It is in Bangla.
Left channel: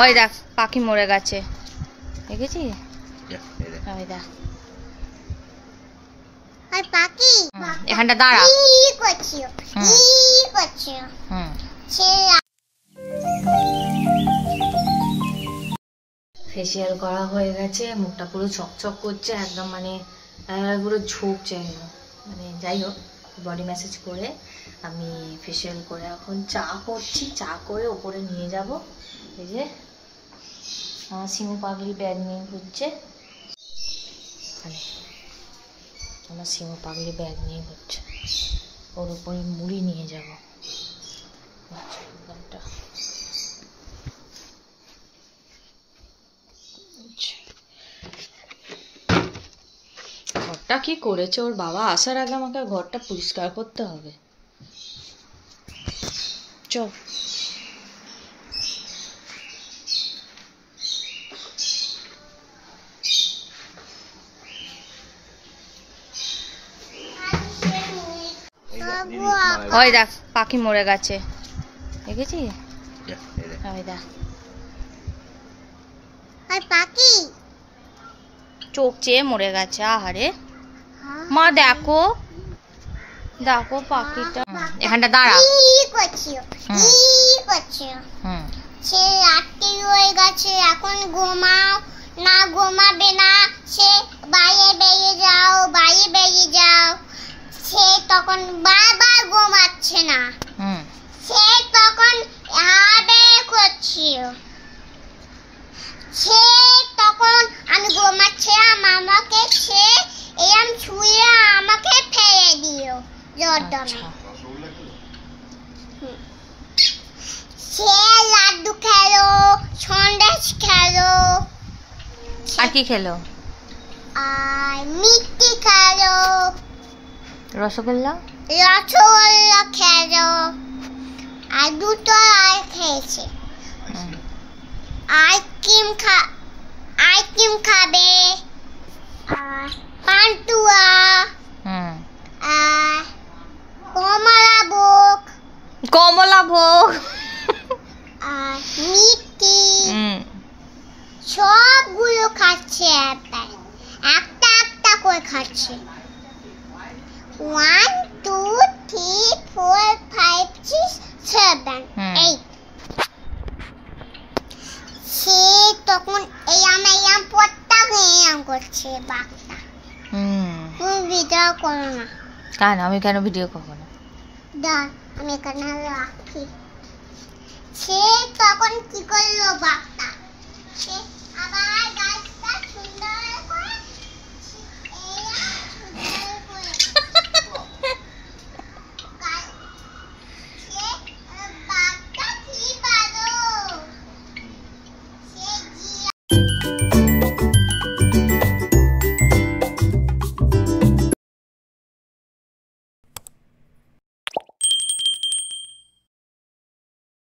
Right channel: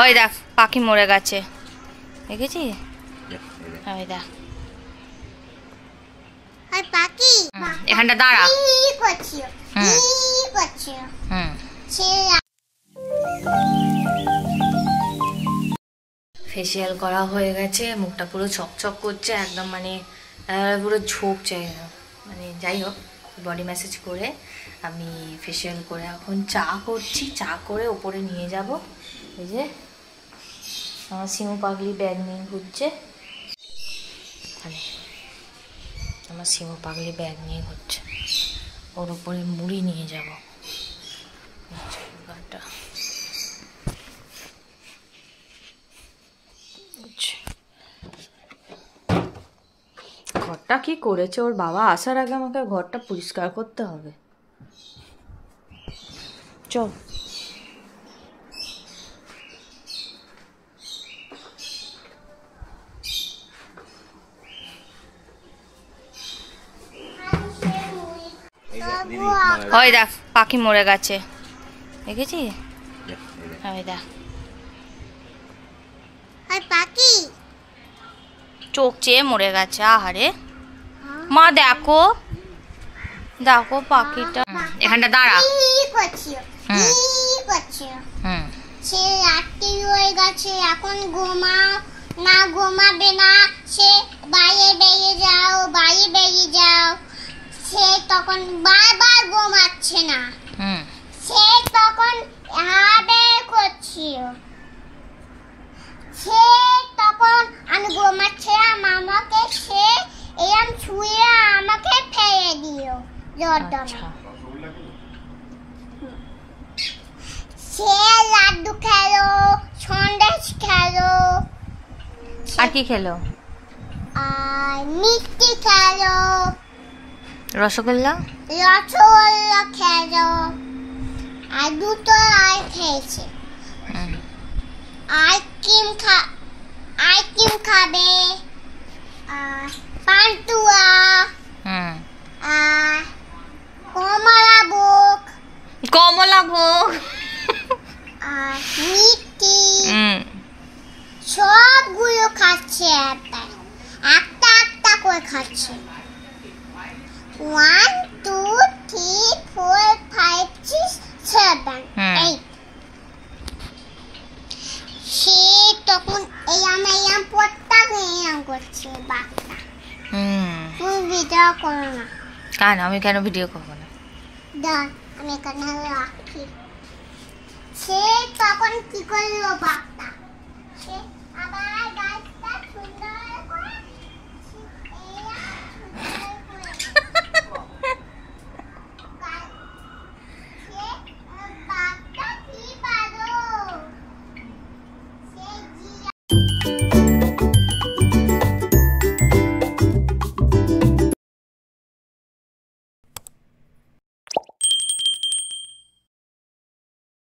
ওই দেখ পাখি মরে গেছে, দেখেছি? ওই দেখ এখানটা দাঁড়া। ফেসিয়াল করা হয়ে গেছে, মুখটা পুরো চকচক করছে একদম, মানে পুরো ঝুঁকছে, মানে যাই হোক বডি ম্যাসাজ করে আমি ফেসিয়াল করে এখন চা করছি। চা করে ওপরে নিয়ে যাব। এই যে আমার সিমু পাগলি ব্যাগ নিয়ে ঘুরছে, মানে আমার সিমু পাগলি ব্যাগ নিয়ে ঘুরছে, ওর উপরে মুড়ি নিয়ে যাব। ঘরটা কি করেছে, ওর বাবা আসার আগে আমাকে ঘরটা পরিষ্কার করতে হবে। চ ওই দেখ পাখি মরে গেছে, দেখেছি? ওই দেখ পাখি চোখ চেয়ে মরে গেছে। আহারে মা, দেখো দেখো পাখিটা এখানটা দাঁড়া। সে রাত্রি হয়ে গেছে, এখন ঘুমাও না, ঘুমাবে না, সে বাইরে বেরিয়ে যাও, বাইরে বেরিয়ে যাও। সে তখন বারবার ঘুমাচ্ছে না, সে তখন হাবে করছিল। সে তখন আমি ঘুমাচ্ছিলাম, আমাকে সে এরম ছুঁয়ে আমাকে ফেলে দিও জর্দমে। সে লাড্ডু খেলো, সন্দেশ খেলো, আর কি খেলো? আর মিষ্টি খেলো, রসগোল্লা খেলো, আর দুটো আর খেয়েছে। আইসক্রিম খাবে, আর পান্তুয়া, আর কমলা ভোগ, আর মিষ্টি, সবগুলো খাচ্ছে। একটা একটা করে খাচ্ছে। 1 2 3 4 5 6 7 8। সে তখন এই পট্টা করছে বাচ্চা। তুমি ভিডিও করো না কেন? আমি কেন ভিডিও করবো না? আমি এখানে রাখি। সে তখন